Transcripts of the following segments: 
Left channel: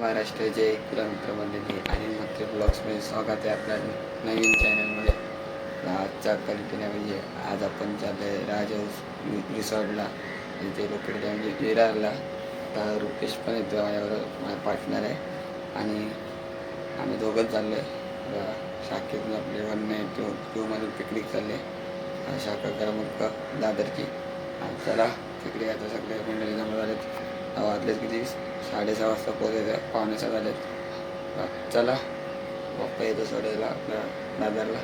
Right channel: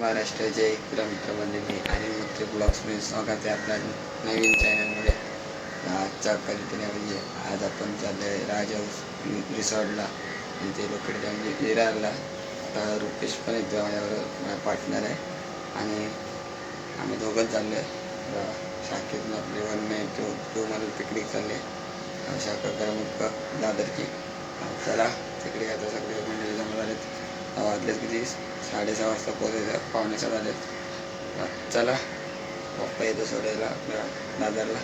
महाराष्ट्राचे मित्रमंडळी आणि मग ब्लॉग्समध्ये स्वागत आहे आपल्या नवीन चॅनलमध्ये. आजचा कल्पना म्हणजे आज आपण चाललो आहे राजहंस रिसॉर्टला आणि ते लोकेटेड म्हणजे विरारला. तर रुपेश पण येतो माझ्याबरोबर, माझा पार्टनर आहे आणि आम्ही दोघंच चाललो आहे. शाखेतून आपले 192 मधून पिकनिक चालले शाखा करमुक्त दादरची. चला तिकडे आता सगळे मंडळी जमा झालेत. वाजलेत किती 6:30 वाजता पोहोचायचं, 5:45 झालेत. चला पप्पा येतो सोडायला आपल्या दादरला.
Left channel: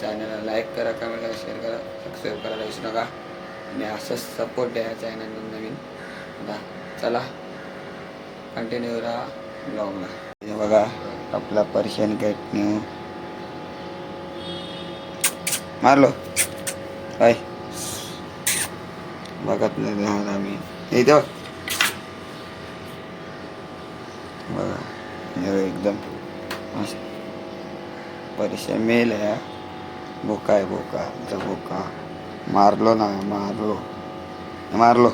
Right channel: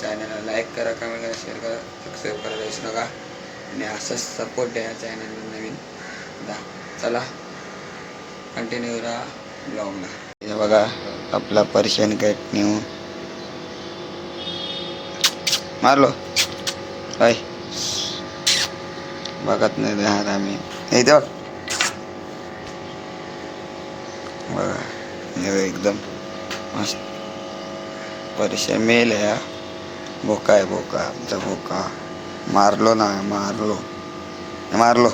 चॅनलला लाईक करा, कमेंट करा, शेअर करा, सबस्क्राईब करायला विसरू नका आणि असंच सपोर्ट द्या चॅनलला नवीन. चला कंटिन्यू राहा ब्लॉगला. हे बघा आपला पर्शियन कॅट न्यू मारलो काय बघत नाही आम्ही इथं बघा एकदम मस्त पर्शियन मेल आहे. बोका आहे, बोका आमचा बोका. मारलो ना, मारलो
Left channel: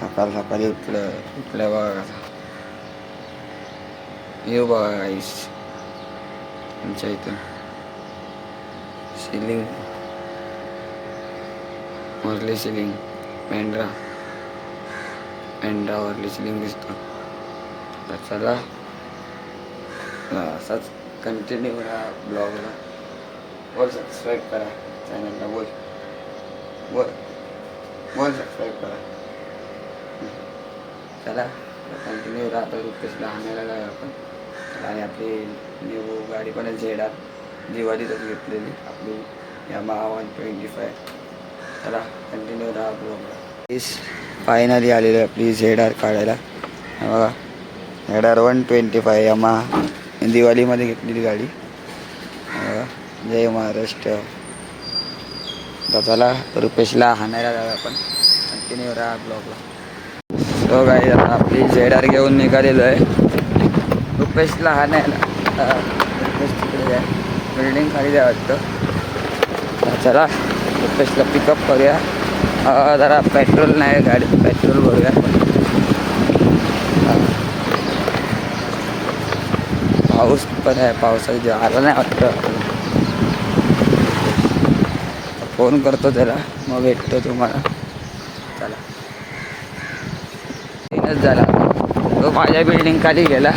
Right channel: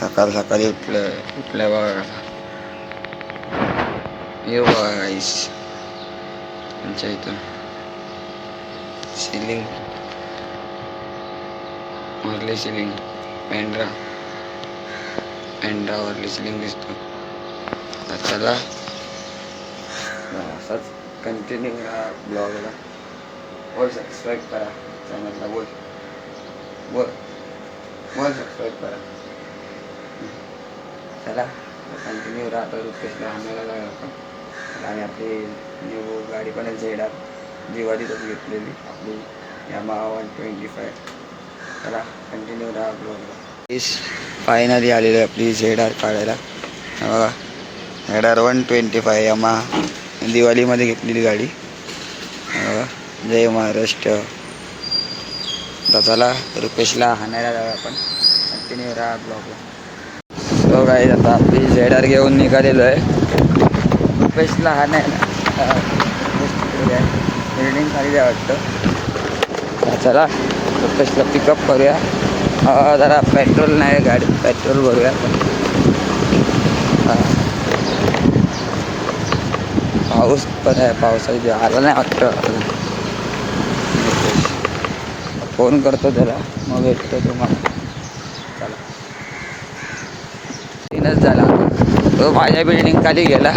सकाळ सकाळी उठल्या बघा कसा. येऊ बघा गाईस आमच्या इथून सिलिंग वरली सिलिंग मेंढरावरली सिलिंग दिसतो. चला असाच कंटिन्यू राहा ब्लॉगला. बोल सबस्क्राईब करा चॅनलला. बोल सबस्क्राईब करा. चला कंटिन्यू राहतो. रुपेशला आणायला लागला आपण आणि आपली न्यू गाडी पण आहे झेडार, दिवाळीतच घेतलेली आपली यामाहा 125. चला कंटिन्यू राहा ब्लॉगला. फायनली आलेली आहे आपली झेडार काढायला. बघा झेडार 125 यामाहा दिवाळीमध्ये घेतलेली गाडी. जय महाराष्ट्र. तर चला रुपेशला हाणायला जाऊया आपण. कंटिन्यू राहा ब्लॉगला. सो गाईज आता आपली झेडार घेऊन निघालेलो आहे रुपेशला हाणायला. रुपेश तिकडे आहे, बिल्डिंग खाली द्या वाटतं. चला रुपेशला पिकअप करूया. जरा पेट्रोल नाही गाडीत, पेट्रोल भरूया आपण. पाऊस पण आहे, पावसाची आला नाही वाटतं. फोन करतो त्याला मग भेटतो तुम्हाला. चला तीनच झाला. तो माझ्या बिल्डिंग खाली गेला,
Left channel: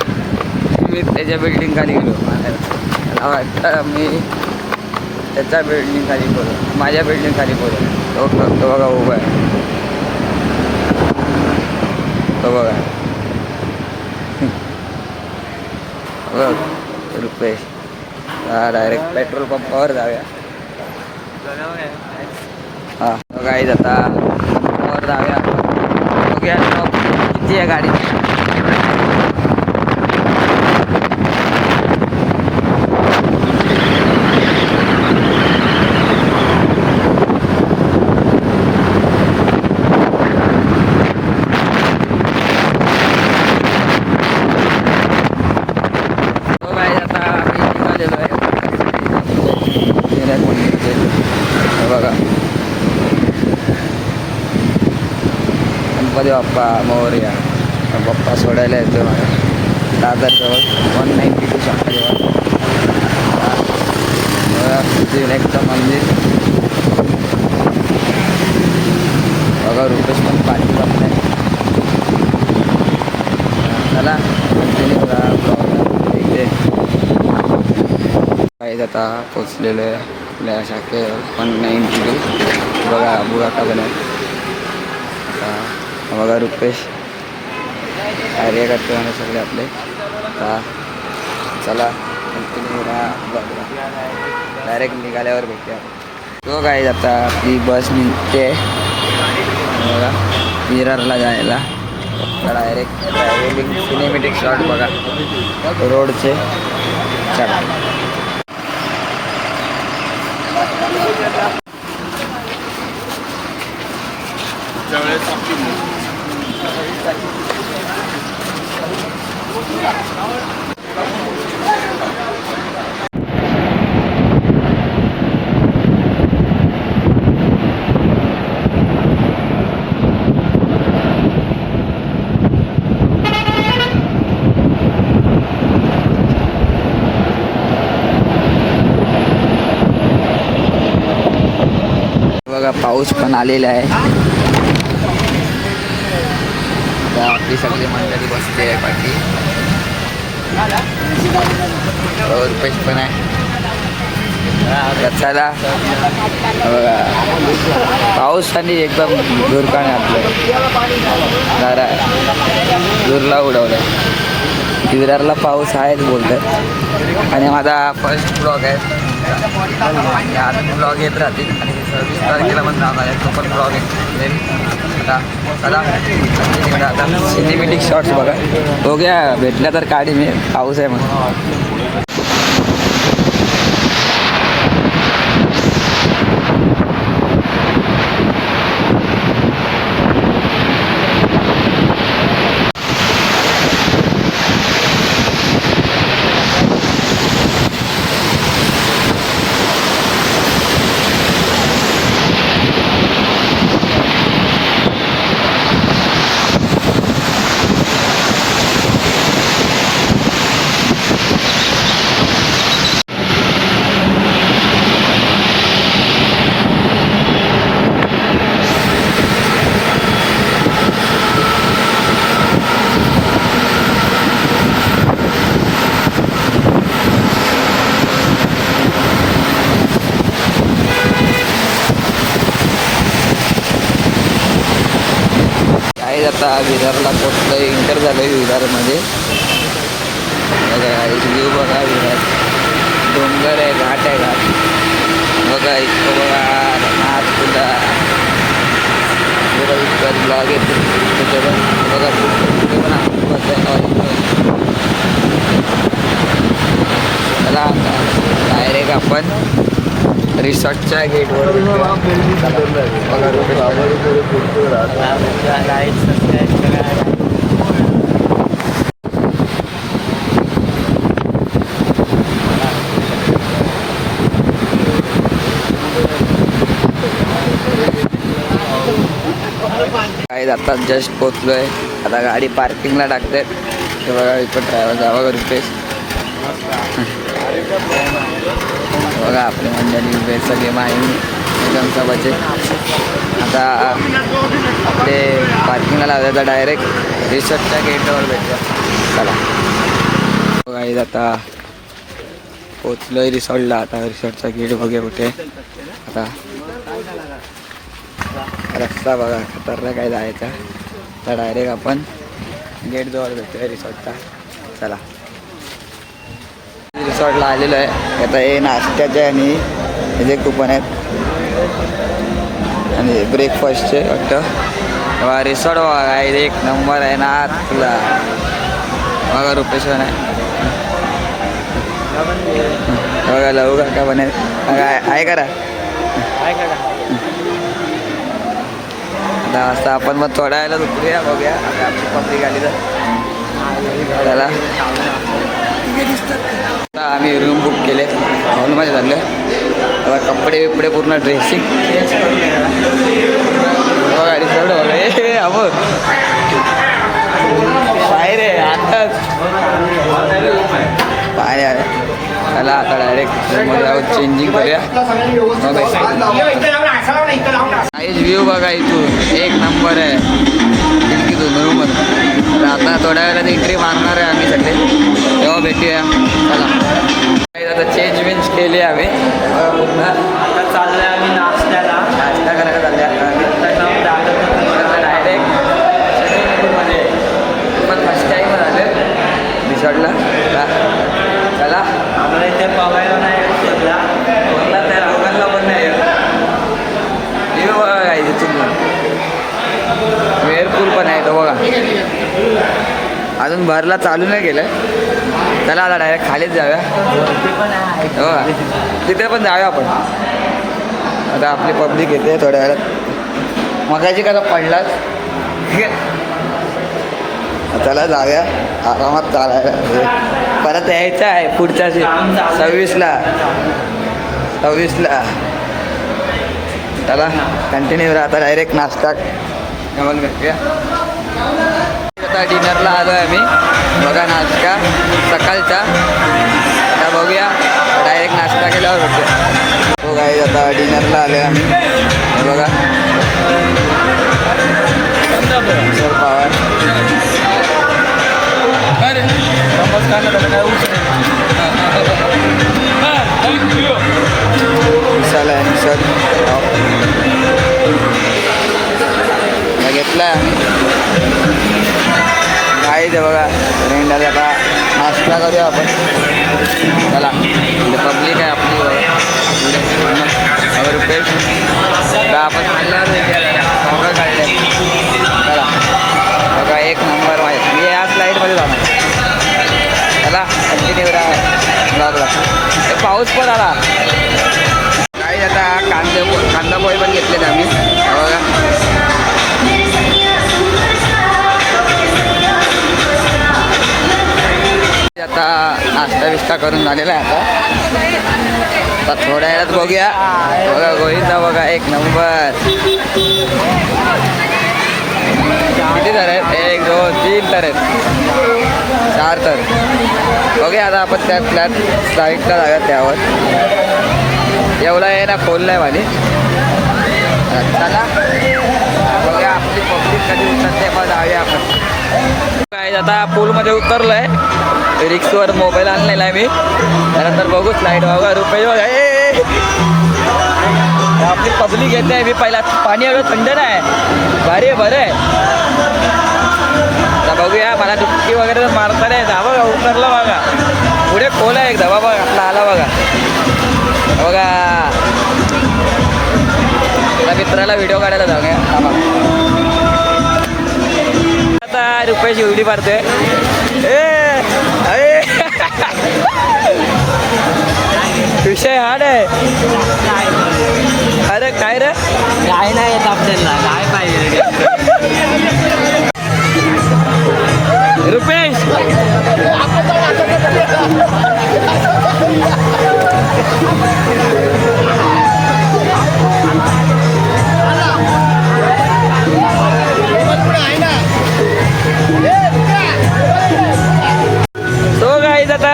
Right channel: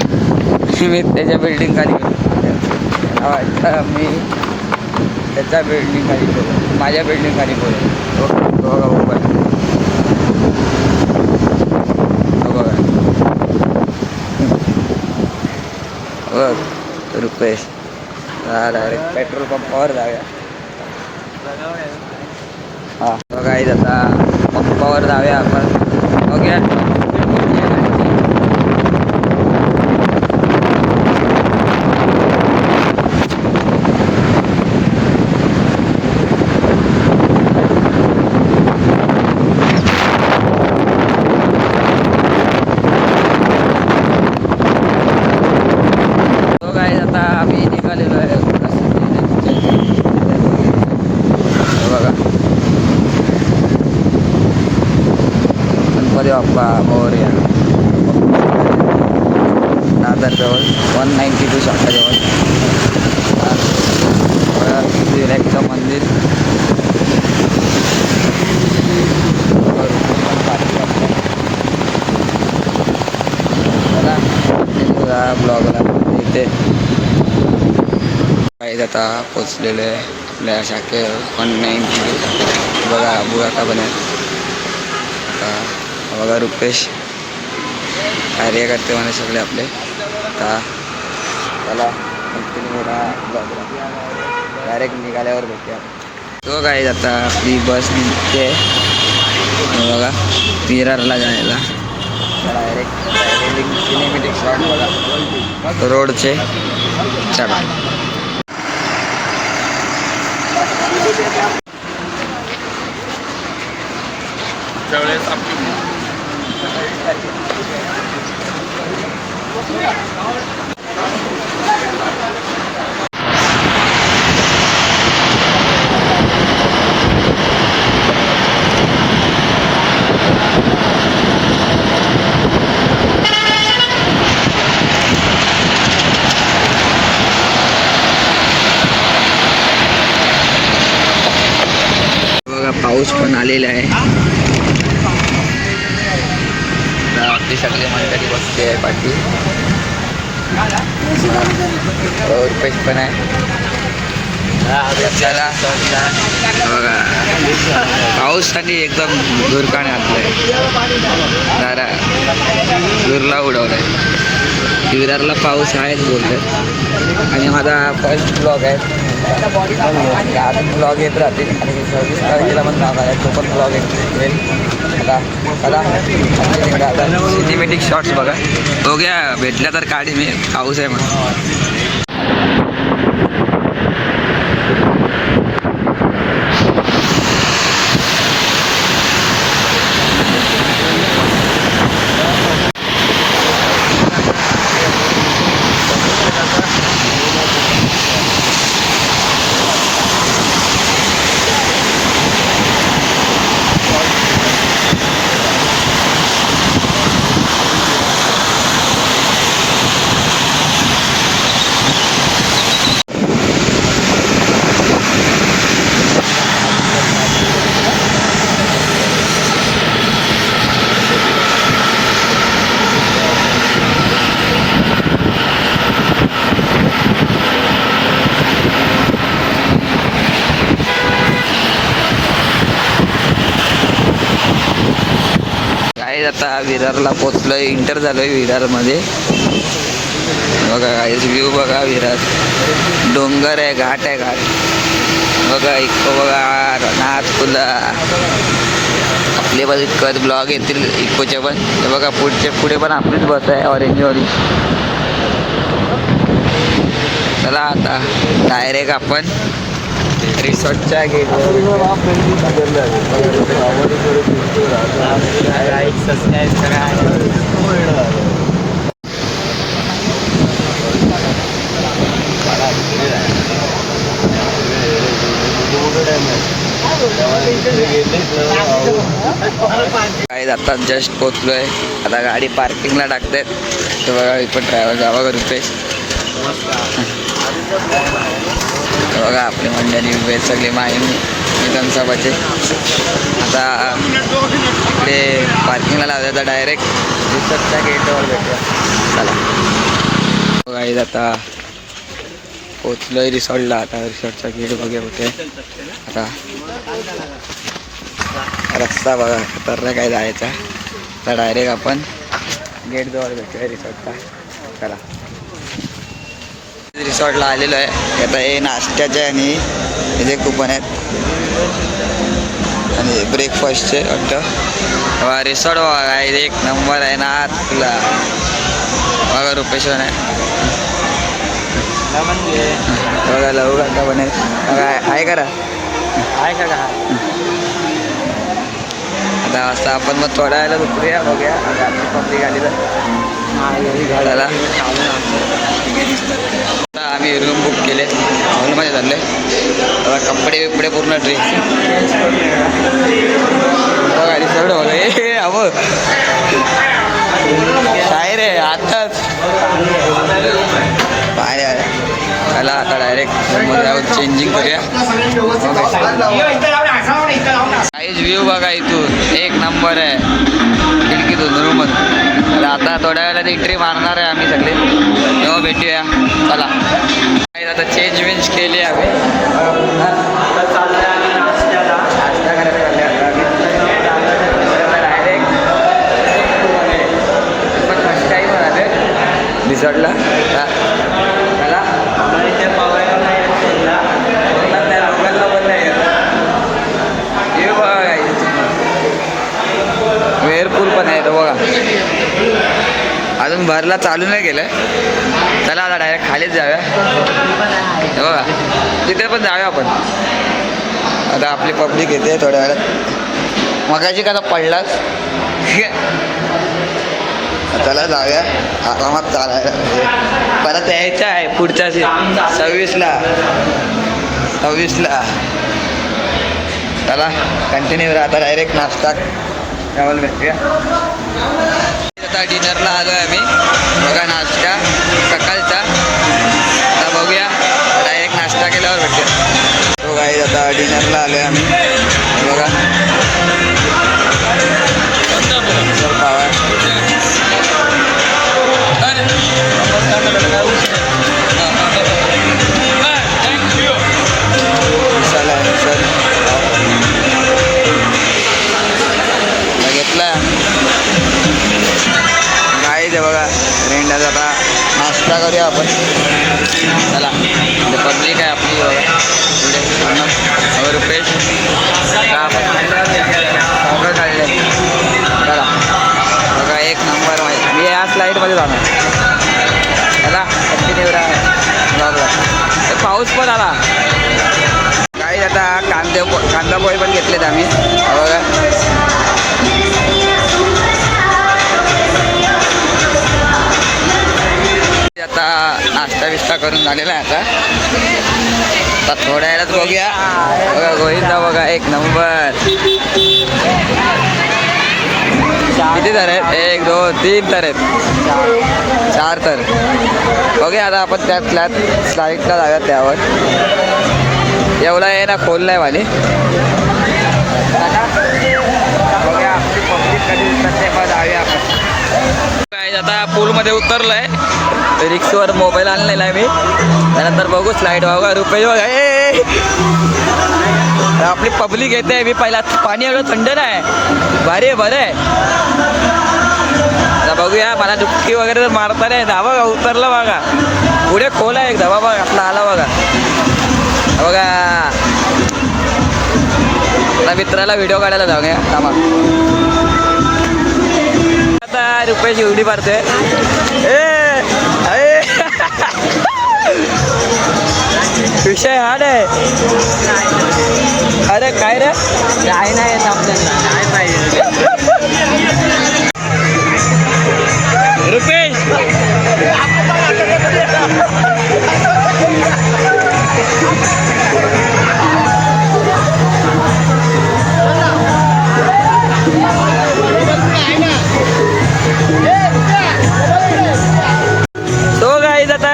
मी त्याच्या बिल्डिंग खाली गेलो. मला वाटतं मी त्याच्या बिल्डिंग खाली बोलतो, माझ्या बिल्डिंग खाली बोलतो. तो बघा उभा आहे, तो बघा बघ रुपेश. डायरेक्ट पेट्रोल पंपावर जाऊया. हां बघा आता पंपावर जाऊया आपण. बघूया किती आहे गाडी. आता आम्ही निघालेलो आहे बघा. गणपती बाप्पा मोरया. पप्पा सोडायला येतो दादरजवळ 192 शाखाजवळ. विनायकचं मंदिर बघा. रुपेश पण पार्टी करतो. चला कंटिन्यू राहा ब्लॉगला. इथे काही आता पोचलेलो आहे आपल्या शाखेवर 192. बघा बुराका पण आहे. आता बघा रुपेश कार्य करते म्हणे सगळे आपले. आता चला कंटिन्यू राहा ब्लॉगला. डायरेक्ट निघाल्यावर भेटूया. तो काय आता आपली बस निघते बघा विरारला जायला. डायरेक्ट ट्रॅव्हलिंग सिनेमॅटिक शॉट बघा रोडचे. चला बघा पाऊस पण आलेला आहे. आता आपली सगळी मंडळी बसली आहे पाठी. रुपेश पण आहे. बघा पाऊस आणि एकदम दुरकाने घातलंय. जरा दुरला उडवलाय. विरारला पाऊस आहेच बोलतात. आणि माझा फर्स्ट ब्लॉग आहे. अजून ब्लॉग येत राहतील आणि 26 तारखेला पण नाव आहे, तो पण ब्लॉग येईल. आता चला आजची निघा. आता सिनेमॅटिक शॉट्स बघा. बघूया भेटल्या तर काढी मी. पाऊस आहे म्हणून. आता विरारला पोचलो. इंटर झालोय विरारमध्ये. बघा व्ह्यू बघा. विरार डोंगर आहे, घाट आहे. घाट बघा. इतकं बघा नाच तुला आपले पण इतकं ब्लॉग येतील इतकोचे पण. बघा पुढे पण आपणच बस आहे ऑरेंजवाली. चला आता डायरेक्ट आपण रिसॉर्टच्या गेटवर. काय आता जस्ट पोचलोय. आता गाडी पार्किंगला टाकतात. ते बघा इकडं ड्रायव्हर जावा का रुपेश. बघा आपली मंडळी उभे सगळे माहीम विधानसभाचे. आता इकडे पार्किंगला लावलं तर डायरेक्ट रिसॉर्टच्या गेटवर भेटूया. चला बघा आता पोचलोय रिसॉर्टला. आता रिसॉर्टचा गेट बघूया होते. आता रस्ता बघा खतरनाक काय जायचा. तर डायरेक्ट आपण गेटजवळ भेटूया रिसॉर्टचा. चला रिसॉर्टला आलेलो आहे. आता हे नाश्त्याचे आणि हे जे कुपन आहेत आणि ब्रेकफास्टचे वाटतं. तेव्हा रिसॉर्ट बघा एक नंबर आहे ना. तुला बघा रुपेश्वर आहे. बघा लवू का पण आहे करा. आता असं आपण मग थोड्या वेळेला दुसऱ्या बघूया. आता आपली पब्लिक आली तर त्याला आता आम्ही रूम बुक केले. हॉलमध्ये झाले. आता कपडे बिपडे पूर्ण ड्रेसिंग चेंज करून सगळं बघा. हे अहो शायर आहे आताच पाय आहे. त्याला आता डायरेक्ट रूममध्ये जाऊन चेंजिंग करूया. काहीच व्ह्यू बघा इथून एक नंबर आहे खिडकीतून रूममधून. तर आता थोड्या वेळात एंट्री मारणार आहे आम्ही सगळे. तेव्हा भेटूया. चला आता चेंज वेंज केली आम्ही. नाश्ता करायला चालले आता आम्ही. डायरेक्ट पण फर्स्ट टाईम झालं रिसॉर्टला. चला त्या लोकांना पण नाही येत. हे बघा काय वेअरपूल पण आहे तो बघा. अजून भरला चालू नाही केलं. चला आता डायरेक्ट खालीच जाऊया. बघा तिथे पण जाऊया आपण. आता आपली पब्लिक येते थोड्या वेळात. मगाची का पडलाच. चला जाऊया आरामात चालायला. परत यायचं आहे पुढच्या 26ला. चला कंटिन्यू राहता. डायरेक्ट नाश्ता डबल भेटूया. आता डिनरला आलो आहे आम्ही. बघा नाश्ता सकाळचा. आता बघूया डायरेक्ट नाश्ता केल्यावर भेटते. तो काही आता डिनरला आलो आहे आम्ही. हे बघा सर पावा मसाला आहे सर घेतला काय ते बघा रेंडाचा. आता नाश्ता करूया आपण. चला म्हणजे पब्लिक आहे आपली बघा पुढे पूर्ण. अगर रुपेश सगळं काढले. चला बघा एक नंबर माहीत. मी या स्लाईडमध्ये जाणार. चला कंटिन्यू राहा ब्लॉगला. पाऊस पण आला काही. आता कांदा पोहे पण घेतलेत आम्ही. बघा आता नाश्ता बिस्ता करून झालेला आहे. आता थोड्या वेळात बघूया. बघा गोविंदा बघा एक नंबर. किती तर आहेत? 1 2 3 तर आहेत. 4 तर. बघूया आता आपण त्या फ्लॅट स्लाईडला जाऊया त्यावर. एवढा आहे ना खोल नाही माझी. चला बघूया आपली पब्लिक कधी उतरते मग जाऊया आपण. काय आता पूलमध्ये उतरलो आहे. रिक्सवर मोबाईल आणलेला आहे मी. त्यानंतर बघू स्लाईड बघा रुपये बघा. आपली पब्लिक येते. मी पहिला पाणी एवढं थंड नाही भारी बरं आहे. आता बघूया मला डुबकी वगैरे मारता नाही. जा बघा उतरलं बघा. पुढे खोल आहे एकदा बाबा आपला आला बघा. बघा आता मित्राला व्हिडिओ काढायला जाऊया थांबा. आता रुपयाची उडी मारतोय. विषय हार्ड आहे. अरे काय रे काय नाही येत आपल्याला नाही पाहिजे. रुपेश तो गाईज आता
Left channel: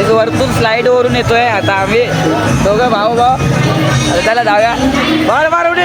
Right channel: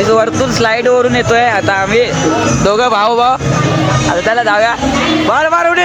इथं वरतून स्लाईड वरून येतोय. आता आम्ही दोघं भाऊ आता त्याला जाऊया. मार मार उडी.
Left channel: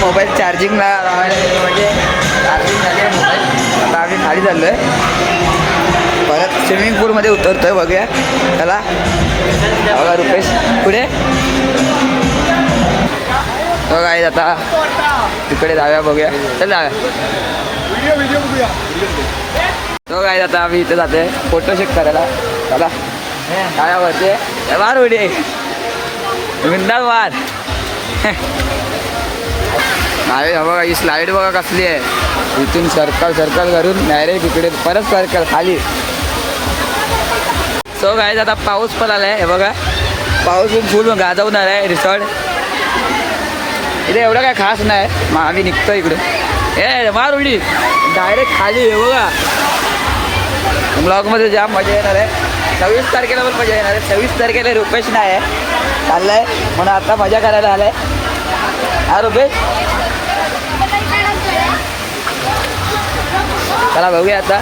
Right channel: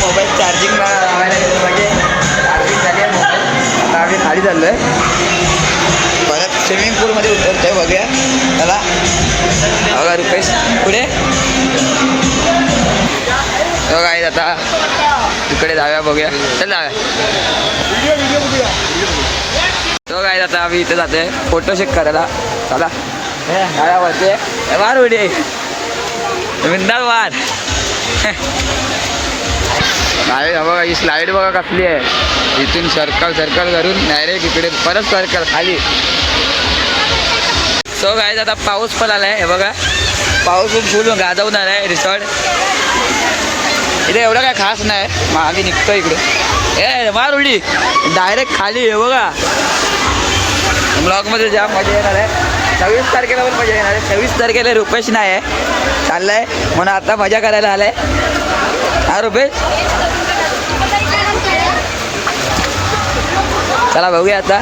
मोबाईल चार्जिंग म्हणजे चार्जिंग झाली आहे मोबाईल. आता आम्ही खाली चाललो आहे. परत स्विमिंग पूलमध्ये उतरतोय बघूया. चला बघा रुपेश पुढे बघा आहे. आता तिकडे जाऊया बघूया. चल जाऊया. तो काय आता आम्ही इथे जाते फोटोशूट करायला. चला काय आवडते वार उडे विंदाल वार. नाही बघा ही स्लाईड बघा कसली आहे. इथून सर्कल करून डायरेक्ट इकडे परत सर्कल खाली. सो काय आता पाऊस पण आला आहे. हे बघा पाऊस फुल गाजवून आला आहे. रिसॉर्ट इथे एवढं काय खास नाही. मग आम्ही निघतो इकडे. मार उडी डायरेक्ट खाली. हे बघा ब्लॉगमध्ये जाम मजा येणार आहे. 26 तारखेला पण मजा येणार आहे. 26 तारखेला रुपेश नाही आहे चाललाय म्हणून आता मजा करायला आलाय. हा रुपेश चला बघूया. आता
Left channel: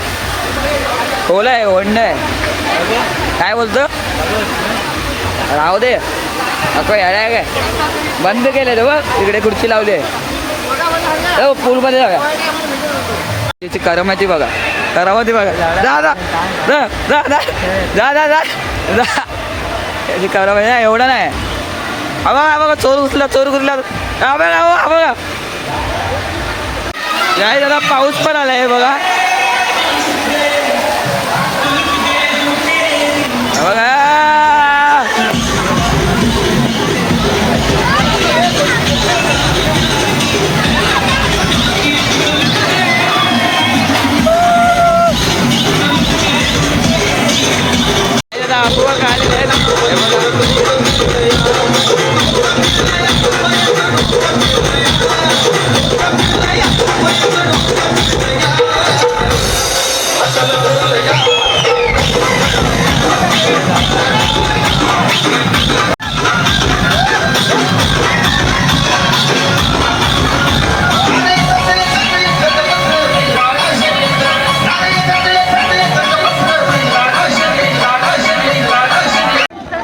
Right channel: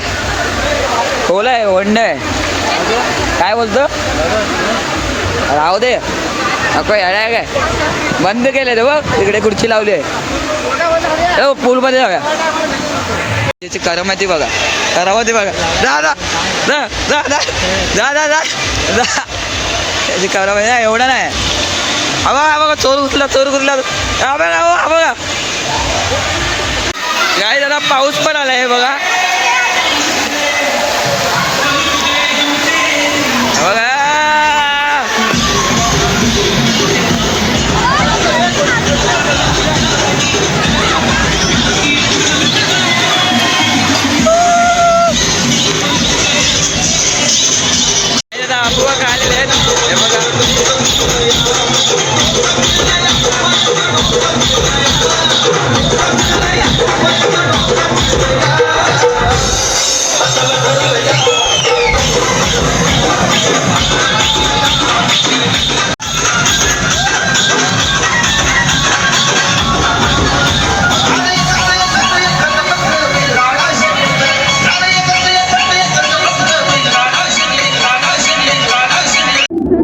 खोल आहे ओढणे काय बोलतो. राहू दे नको येडा आहे काय. बंद केले रे बघ. इकडे खुर्ची लावली आहे. पूलमध्ये जाऊया. त्याची करामती बघा. करामती बघा. जा जा जा जा जा जा जा जा जा. त्याची करामती नाही एवढं नाही. हा बघा चोर घुसला हा बघा. काय जरा पाऊस पण आला आहे बघा. बघा आपू आहेत हे बघा.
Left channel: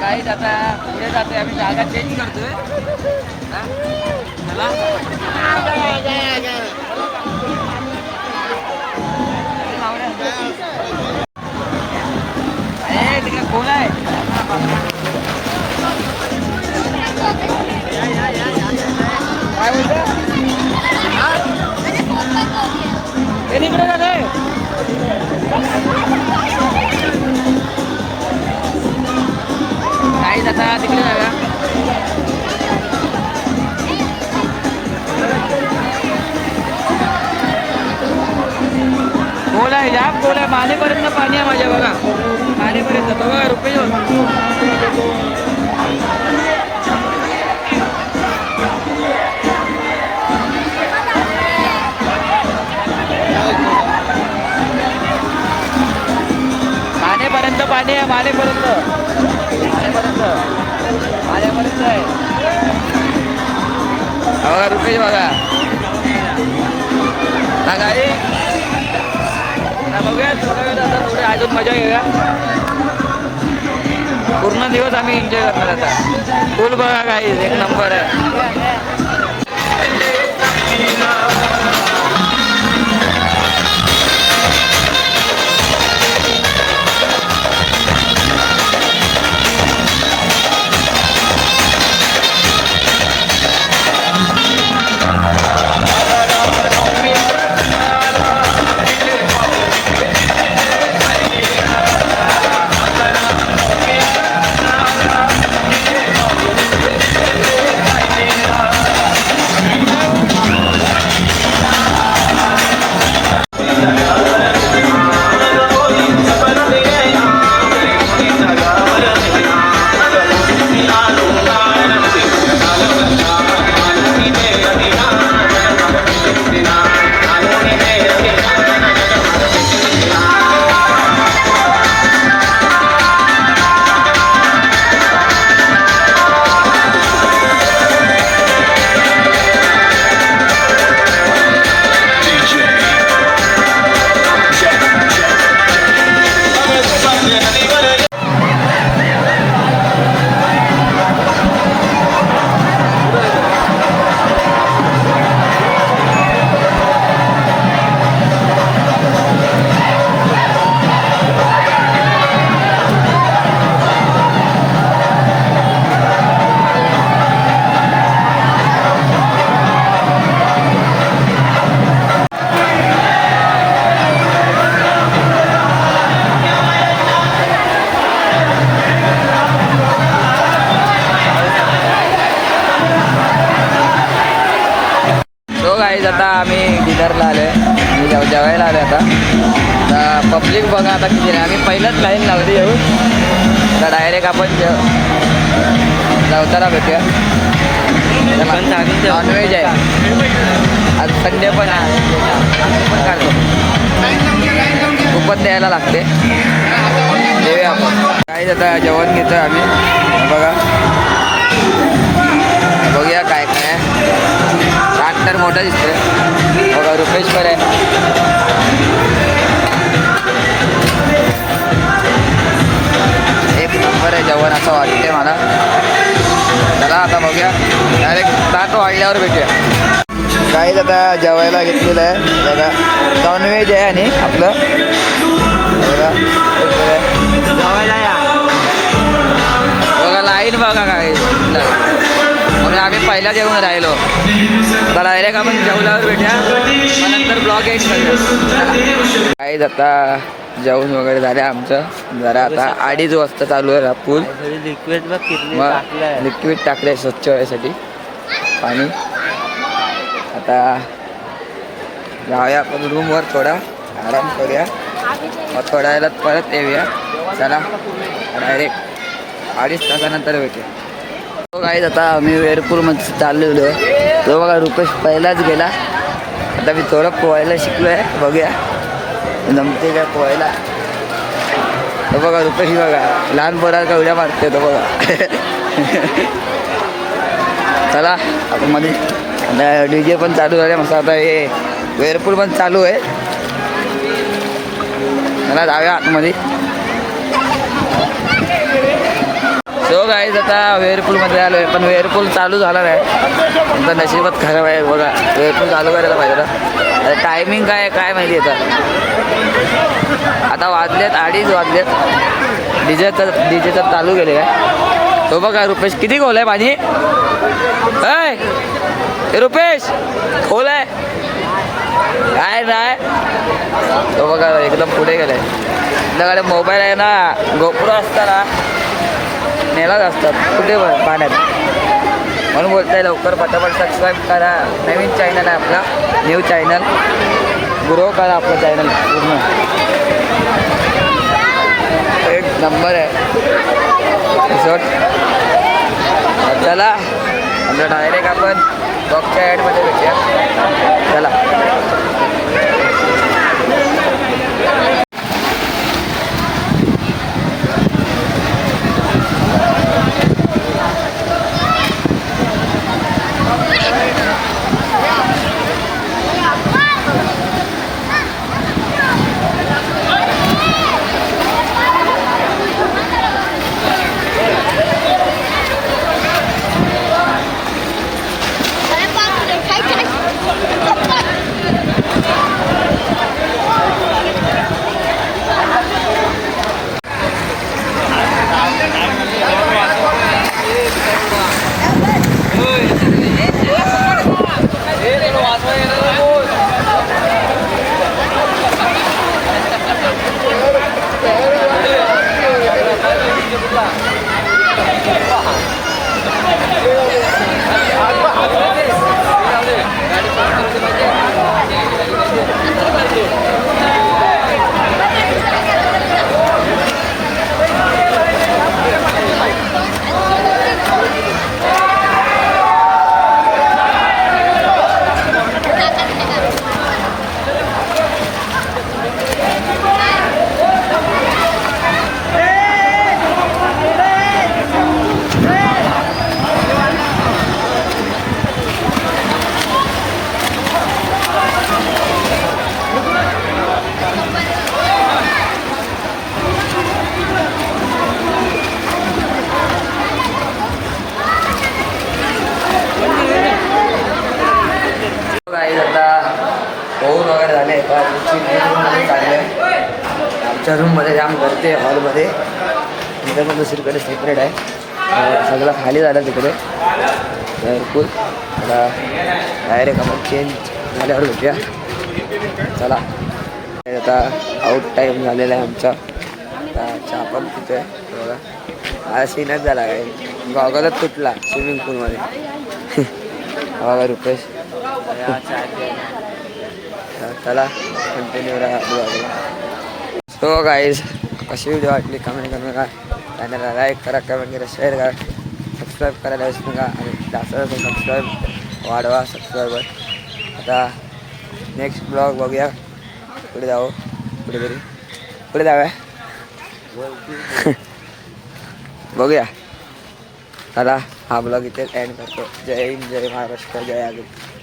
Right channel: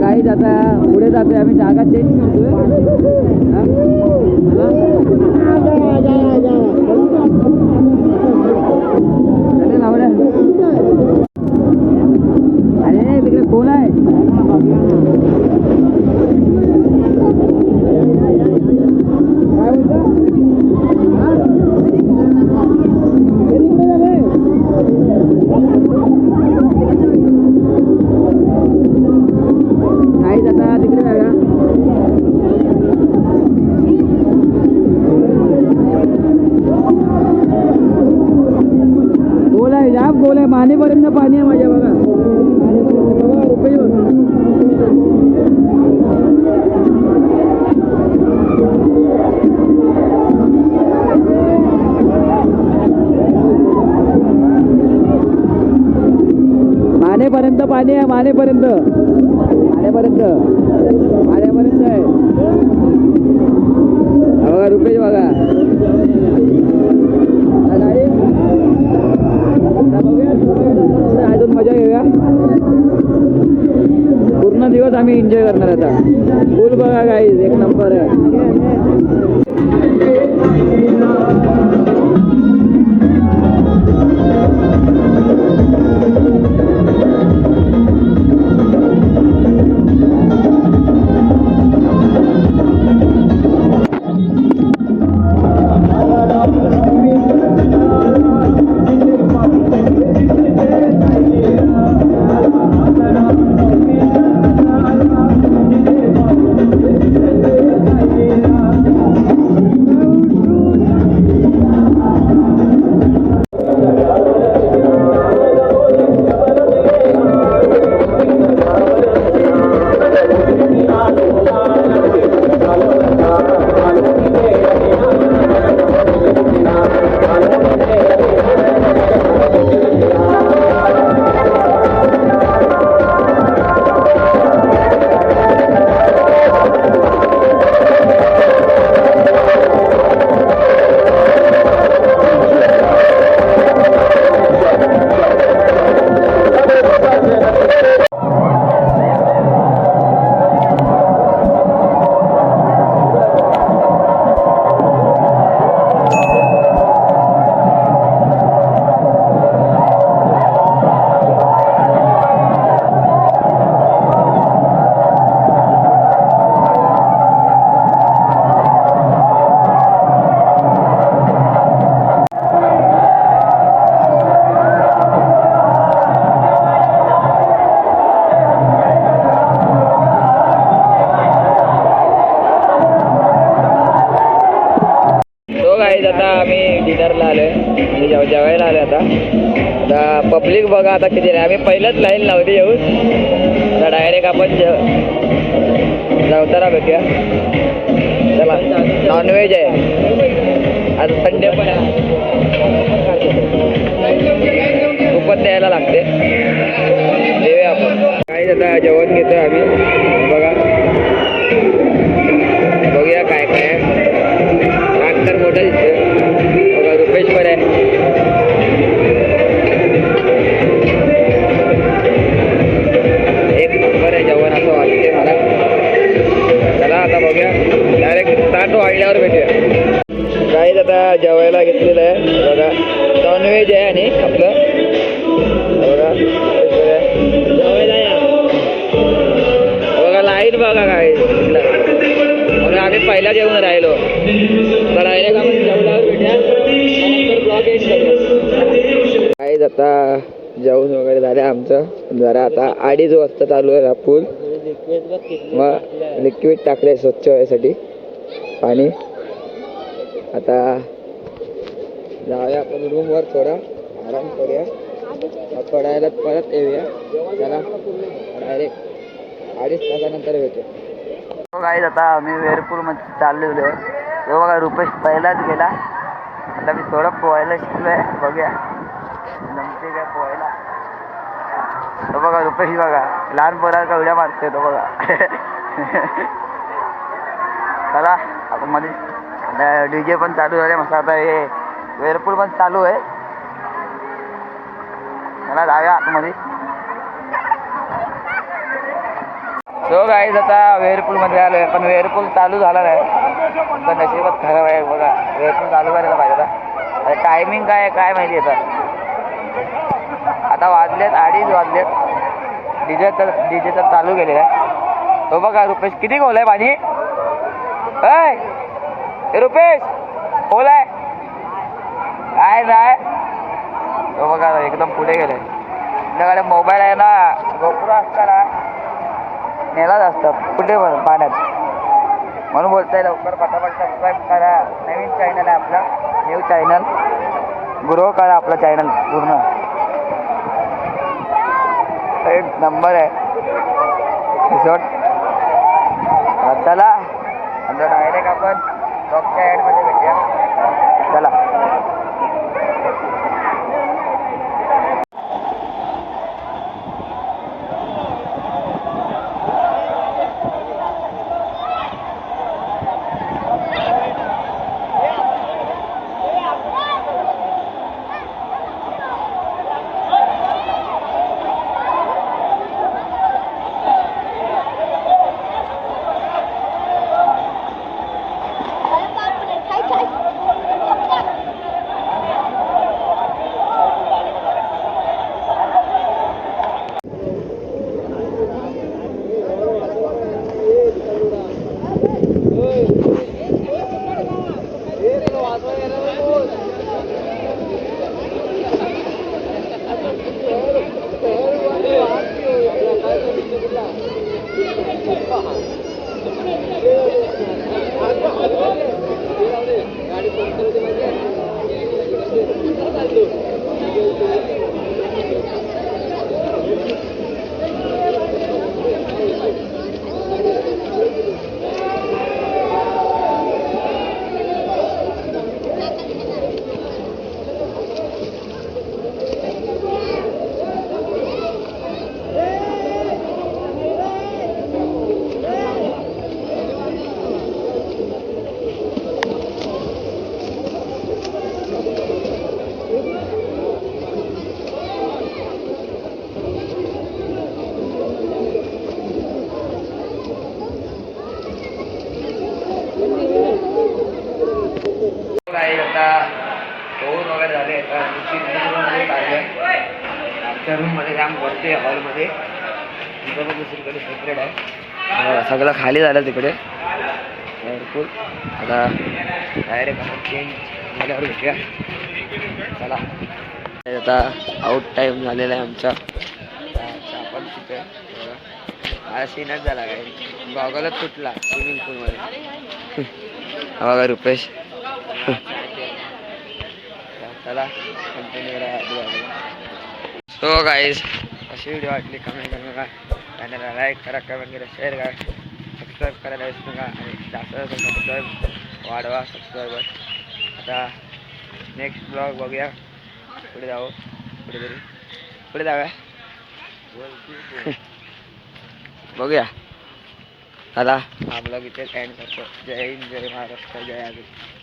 काही आता पुढे जातोय आम्ही, जागा चेंज करतोय. तिकडे कोण आहे? बोला मानेपर्यंत पाणी आहे माझ्या बघा. मानेपर्यंत बघा रुपये. मानेपर्यंत पाणी आहे. मानेपर्यंत मानेपर्यंत मानेपर्यंत आहे रुपये बघा. हा गाडी अजून मजा घेऊया. पूर्ण दिवस आम्ही एन्जॉय करणार आता. बोल बघा काही एक नंबर आहे. पब्लिक बघा आता किती नाही. आम्ही पहिलंच लाईन लावली येऊ तर डायरेक्ट आपण जेवताना भेटूया. त्याला नॉनव्हेज आहे आज संडे पण खूपच द्यायला लागते. देऊया आपण काही आता जेवण घेतो आम्ही. बघा बघूया काय काय. ट्रॅक्टर मोठा दिसतोय बघा. रुपेश्वर आहे. एक नंबर आहे जेवण असं वाटते मला. चला आता बघूया डायरेक्ट ताट वाढल्यावर भेटूया. काहीच आता जेवायला घेतलेलं आहे बघा. नॉनव्हेज आहे आणि आपला जेवायला या बघा. लाईन बघा काय आम्ही पहिला जेवण राहिलो. डायरेक्ट आपण जेवणावर भेटूया. नंतर ब्लॉग एंड करूया. काहीच आता जेवण वगैरे झाले आमचं. जरा आता 2:30 वाजता चालू आहे पूल. मग लिक्विड टाकले स्वच्छ व्हायसाठी पाणी. आता जाऊया आपण रूमवर थोडा आराम करूया. मग थोड्या वेळात परत येऊया. चला डायरेक्ट 2.5 तासानंतर भेटेल. हो गाईज, आता आम्ही वेरपूरमध्ये चाललेलो आहे. तो बघा रुपेश पहिलाच गेला. आता मी थोडं पोहायला शिकलो आहे, बघूया जमते काय पोहायला. तो बघा रुपेश, बघा लहान पोराला का उड्या मारतो तो बघा. चला आता मध्ये आता DJ पण चालू झाले मस्त. आता हे वेरपूल पण चालू आहे. मला जाऊया आतमध्ये. सो गाईज, आता वेअरपूलमध्ये आलो आहे, पण वेअरपूल चालू झाला नाही. आता नशिबात खराब आहे बघा. वेअरपूल चालू करायला पाहिजे आता. टायमिंग काय काय माहिती येतं. आता वाजलेत 2:30 वाजलेत. डीजे तर चालू केले आहे. तो बघा रुपेश किती खोल आहे पाणी. हे रुपेश खोल आहे काय नाही. तो बघा एकदम पुढे गेलाय. आपल्याकडे मोबाईल आहे ना, गोप्रो असताना नेलाच असतात कुठे पाण्यात. म्हणून बोलताय लवकर पटापट सबस्क्राईब करा. नवीन चॅनल आहे आपलं, न्यू चॅनल. ग्रो करा आपलं चॅनल पूर्ण. एक नंबर आहे रिसॉर्ट. चला आपलं डायरेक्ट आपण बॉक्सच्या ॲडमध्ये भेटूया. चला आता पोहून वगैरे झाले. रूममध्ये चालले आहे. आमच्या रूममध्ये जाम गर्दी आहे हॉलमध्ये. तिथं पण दुसरीकडे सेपरेट आहे. सगळं खाली झालं तिकडे वेअरपूल. आता डायरेक्ट आपण चेंज झाल्यावर भेटूया. चला आता आउट टाईम झालेला आहे आमचा. आता चहा पण पितोय बघा. हा सीनच झाला काय, गॉगलच तुटला स्विमिंग पूलमध्ये. बघा रुपेश. चला कंटिन्यू राहा ब्लॉगला. सो गाईज, कशी व्हिडिओ वाटली कमेंट करू नका. चॅनलला लाईक करा, कमेंट करा, शेअर करा, सबस्क्राईब करायला विसरू नका. आणि जास्त जास्त सबस्क्राईब वाढवा सबस्क्रायबर. आता नेक्स्ट ब्लॉग बघूया. पुढे जाऊ पुढे जाऊया बघूया. चला हा ब्लॉग इथे एंड करतो. जय हिंद, जय महाराष्ट्र, जय आदित्य.